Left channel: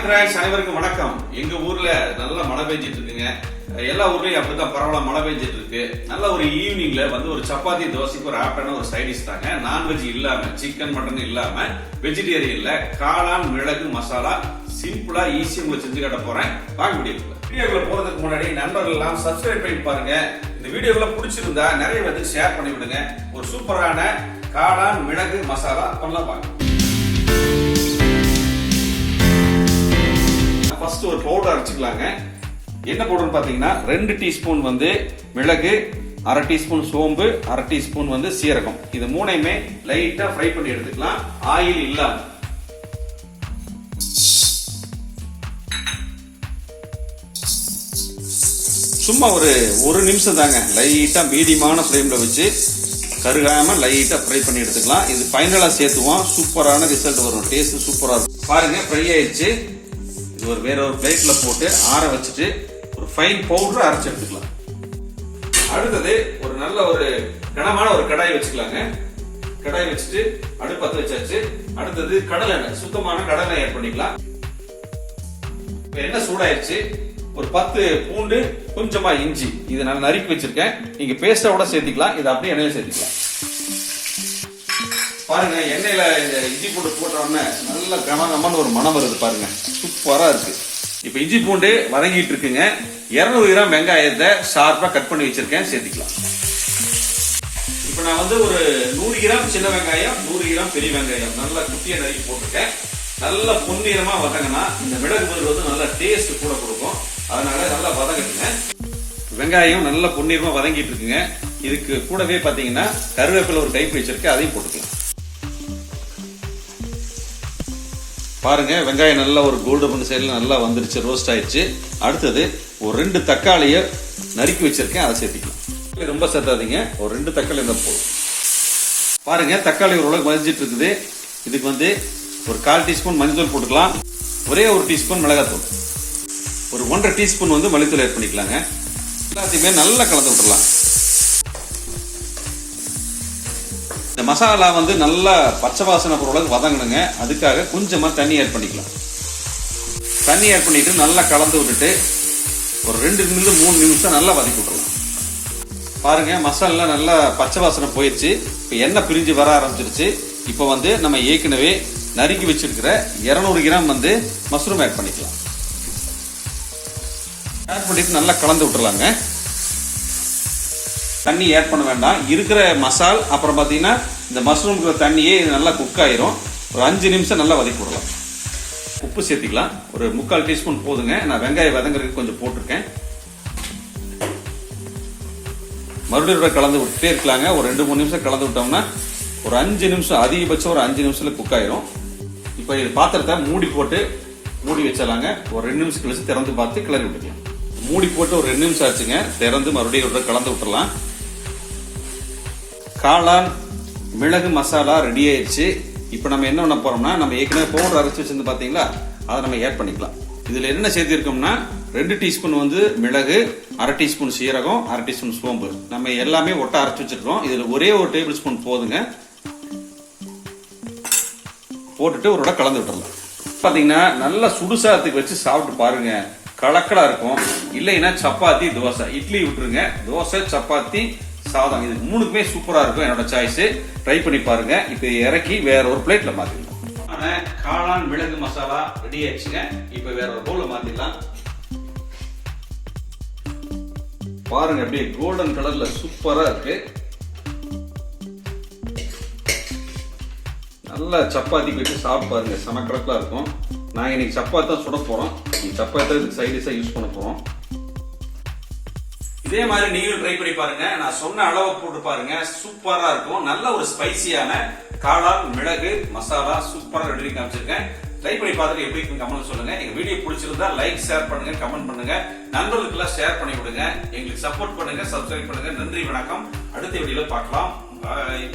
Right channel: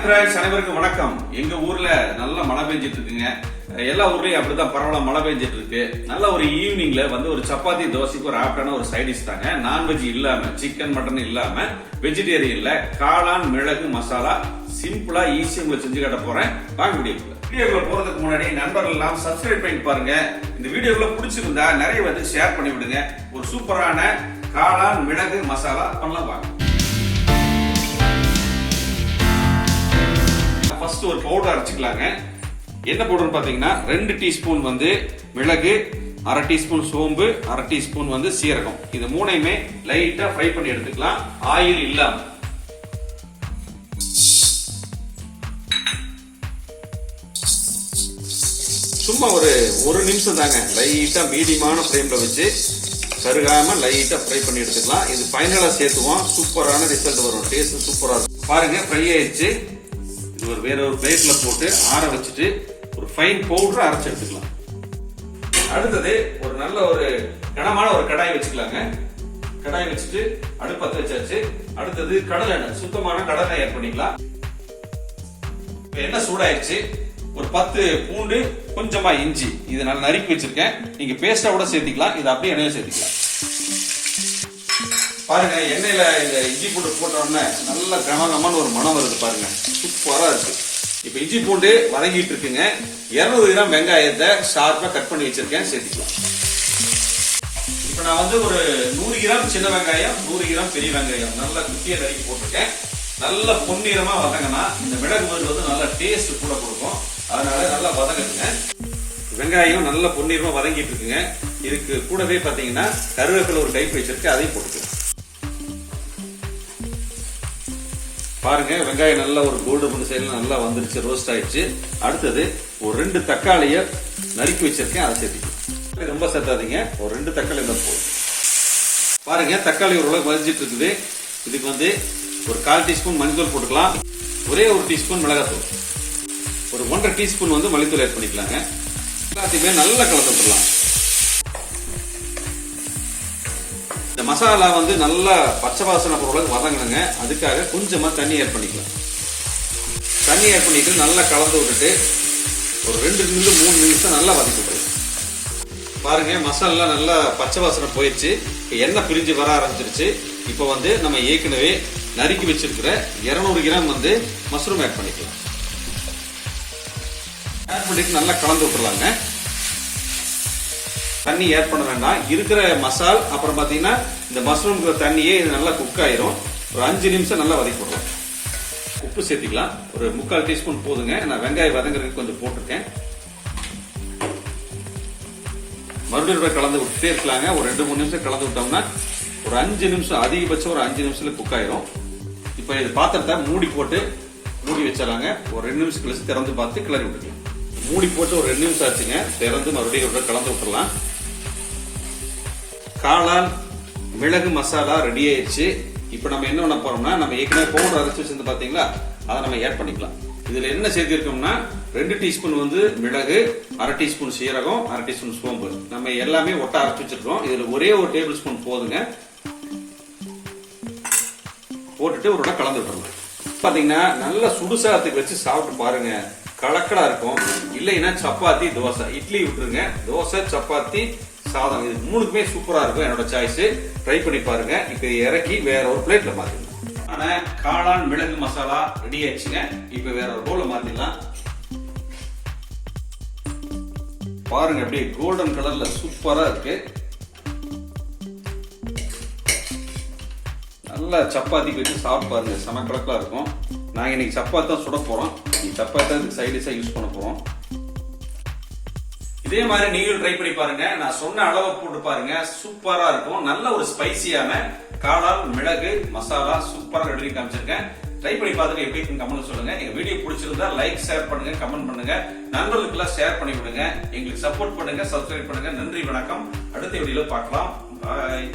Hi friends, அனைவருக்கும் வணக்கம். எங்க ஊர்ல நல்ல மழை பெஞ்சிட்டு இருக்குங்க. எல்லா ஊர்லயும் அப்படிதான் பரவாயில்ல மழை பெஞ்சிட்டு இருக்கு. நல்ல ஒரு ஈவினிங்ல வந்து ஒரு சப்பாத்தி தோசைக்கு ஒரு ஆப்டான ஒரு சைடிஷ் தாங்க. நான்வெஜ் இல்லாம, சிக்கன் மட்டன் இல்லாம, வெஜிடேரியன்ல காளான் மிளகு மசாலா சிம்பிளா ஈஸியா உங்களுக்கு செஞ்சு காட்ட போறேன். வாங்க வீடியோக்குள்ள போறதுக்கு முன்னாடி நண்பர்கள் எல்லாம் சப்ஸ்கிரைப் பண்ணி பாருங்க. இந்த வீடியோக்குள்ள பிடிச்சிருந்தா நிறைய வந்து ஷேர் பண்ணி விடுங்க. ஒரு சூப்பரான காளான் மிளகு மசாலா பண்ணலாம் வாங்க. ஃபர்ஸ்ட் ஒரு பவுடர் அரைச்சிக்கலாங்க. என்ன பவுடர் பாத்தீங்கன்னா 2 டீஸ்பூன் வந்து மிளகு, 1/2 டீஸ்பூன் சோம்பு, 1/2 டீஸ்பூன் வந்து சீரகம். இது மூணையுமே லைட்டா ஃப்ரை பண்ணி எடுத்துக்கலாம், ஆயில் இல்லாம. சும்மா ஒரு நிமிஷம் தாங்க, லைட்டா மீடியமான ஃப்ளேம்ல வச்சு கருகாம லைட்டா ஃப்ரை பண்ணி எடுத்துக்கலாம். இது ஃபைனலா சேர்த்துவோம், சூப்பரான ரிசல்ட் வரும், டேஸ்ட் சூப்பரா இருக்கும். பாருங்க ஃப்ரை ஆயிடுச்சு. இது வேற ஒரு பிளேட்ல போட்டு ஆற வச்சுட்டு ஒரு ஃபைன் பவுடர் அரைச்சு எடுத்துக்கலாம். அடுத்தது ஒரு நல்ல ஒரு கனமான ஒரு கடாய் வச்சுக்கலாங்க. கடாய் வச்சுட்டு அடுப்பு பத்த வச்சாச்சு. அடுத்தது கடலை எண்ணெய், சுத்தமான கடலை ஆட் பண்ணிக்கலாம். எண்ணெய் சூடாயிருச்சு. ஒரு 10 பூண்டு, கொஞ்சமா இஞ்சி, இது நான் நறுக்கி வச்சிருக்கேன். நீங்க பேஸ்டா கூட சேர்த்துக்கலாம், இது அப்படியே எண்ணெயில சேர்த்துக்கலாம். பாருங்க எண்ணெயில இந்த இஞ்சி பூண்டு போட்ட உடனே நல்ல கமகமான ஒரு மனம் வருது பாருங்க, சூப்பரா இருக்கு. இப்ப இஞ்சி பூண்டு வதங்கிட்டு இருக்குங்க. 200 கிராம் வெங்காயத்தை ஷார்ப்பா கட் பண்ணி வச்சிருக்கேன், சேர்த்துக்கலாம். இப்ப நான் வந்து ஒரு 100 கிராம் சின்ன வெங்காயம், 100 கிராம் பெரிய வெங்காயம் நல்லா குட்டியா நறுக்கி போட்டிருக்கேன். நல்ல பொன்னிறமா வதங்கினா இந்த மிளகு மருந்து வந்து நல்ல டேஸ்ட் கூட கொடுக்கும். அதனால நல்லா வதங்குங்க. வெங்காயம் நல்ல பொன்னிறமா வதங்கிட்டு இருக்குங்க. இதுக்கு கூடவே பாத்தீங்கன்னா கருவேப்பிலை ஒரு கைப்பு வச்சிருக்கேன், அதையும் போட்டுக்கலாம். பாருங்க வெங்காயம் நல்லா ஒரு கோல்டன் சைடுல நல்லா வந்துருச்சு, ரோஸ்ட் ஆயிடுச்சு. அடுத்தது ஒரு 2 தக்காளியை நறுக்கி வச்சிருக்கேன், அதை சேர்த்துக்கலாம். ரொம்ப சேர்த்தாதீங்க, ஒரு 2 தக்காளி தான் போதும். பாருங்க தக்காளி ஓரளவு வதஞ்சிட்டு இருக்குது. இதுக்கு வந்து ஒரு 1/4 டீஸ்பூன் மஞ்சள் போட்டுக்கலாம். ஒரே ஒரு டீஸ்பூன் மிளகாத்தூள், ஒரு 1/2 டீஸ்பூன் வந்து மல்லித்தூள் ஆட் பண்ணிக்கலாங்க. எல்லாத்தையுமே நல்லா கலந்து விட்டுறலாம். இந்த மசாலா வந்து நல்லா பச்சை வாசனை பொருளுக்கு வதங்கணுங்க. அதுக்காக கொஞ்சமா தண்ணி ஆட் பண்ணிக்கலாம். தண்ணி ஆட் பண்ணிட்டு நல்லா கலந்து விட்டுட்டு ஒரு 2 நிமிஷம் 3 நிமிஷம் நல்லா வதக்கி விட்டுருங்க. பாருங்க மசாலா நல்லா பச்சை வாசனை போயிடுச்சு. எண்ணெய் பிரிஞ்சு வர ஆரம்பிச்சிருச்சு. இப்போ வந்து நம்ம ஏற்கனவே நறுக்கி வச்சிருக்கிற 200 கிராம் வந்து மஷ்ரூம் ஆட் பண்ணிக்கலாம். ஆட் பண்ணிட்டு நல்லா கலந்து விட்டுலாங்க. தண்ணி ஆட் பண்ண வேண்டாம். இருக்கிற மசால் அப்புறம் பாத்தீங்கன்னா இந்த மஷ்ரூம்க்கு தண்ணியே நல்லா குக் ஆயிரும். ஒரு 5 நிமிஷம் நல்லா வதக்கி விடலாம். உப்பு சேர்த்துக்கலாம், ஒரு 3/4 டீஸ்பூன் போதுங்க. நான் வெங்காயம் வதங்குறதுக்கு கொஞ்சம் போட்டிருக்கேன். மறுபடியும் கலந்து விட்டுட்டே இருக்கலாங்க. ஒரு 2-3 நிமிஷம் கலந்து விட்டோம்னா ஒரு 5 நிமிஷம், அதிகபட்சம் ஒரு 5 நிமிஷத்துல குக் ஆயிரும். இப்ப இது பாத்திரத்தை மூடி போட்டு மூடி வச்சிடலாங்க. ஒரு 2 நிமிஷம் கழிச்சு திறந்து பார்த்து கிளறி விட்டுக்கலாம். மூடி போட்டு ஒரு 2 நிமிஷம் ஆச்சுங்க. திறந்து மறுபடியும் கலந்து விட்டுறலாம். காளான் மிளகு மசாலா ரெடி ஆயிடுச்சு. இப்ப நம்ம என்ன பண்ண போறோம்னா, நம்ம ஏற்கனவே பவுடர் அரைச்சு வச்சிருந்து பாத்தீங்களா, அதை நம்ம ஆட் பண்ணிக்கலாம். இதுல என்ன சேர்த்திருக்கோம்னா 2 டீஸ்பூன் வந்து மிளகு, 1/2 டீஸ்பூன் சீரகம், 1/2 டீஸ்பூன் சோம்பு. நம்ம எல்லாமே ஒட்ட அரைச்சு வச்சிருக்கோம். இதுல ஒரே ஒரு டேபிள் ஸ்பூன் போதுங்க. போட்டுட்டு ஒரு கலந்து விட்டுறோம். பாத்தீங்கன்னா நல்லா சுடுசாதத்துக்கு வச்சு சாப்பிட்டு பாருங்க, கலக்கலா இருக்கும். இல்லைன்னா சப்பாத்தி, தோசை, இட்லி விட்டுருங்க. தோசை, சப்பாத்தி, சாதம், இது 3க்குமே சூப்பரா இருக்கும். என்னோட சாய்ஸ். ட்ரை பண்ணி பாருங்க. இப்ப இறக்கி வேற ஒரு பிளேட்ல மாத்திக்கலாம். ஆனா காளான் மிளகு மசாலா ரெடி ஆயிடுச்சுங்க. இப்ப வேற ஒரு பவுல்ல மாத்திக்கலாம். பாருங்க அப்படியே கோல்டன் கலர்ல சூப்பரா இருக்கு. நல்லா சப்பாத்தி வச்சு சாப்பிட்டு பாருங்க, செம கலக்கலா இருக்கும். நாங்க இன்னைக்கு சப்பாத்தி தான் சுட போறோம். சப்பாத்தி இதுக்கு சைடிஷா யூஸ் பண்ண போறோம். இதே மாதிரி நீங்களும் ட்ரை பண்ணி பாருங்க. நான் சொன்ன அளவு போட்டு பாருங்க, சூப்பரா இருக்கும். நல்ல ஒரு ஸ்பைசியான காளான் மிளகு மசாலா சூப்பரா ரெடி காமிச்சிருக்கேன். ட்ரை பண்ணி பார்த்துட்டு எப்படி கமெண்ட் சொல்லுங்க. எங்க வீடியோ பிடிச்சிருந்தா லைக், ஷேர் பண்ணுங்க, கமெண்ட் பண்ணுங்க, நண்பர்களுக்கு எல்லாம் ஷேர் பண்ணி விடுங்க. எங்களுக்கு சப்போர்ட் பண்ணுங்க, சப்ஸ்கிரைப் பண்ணுங்க. நன்றி, வணக்கம். அடுத்த வீடியோல பார்க்கலாம். பாய்.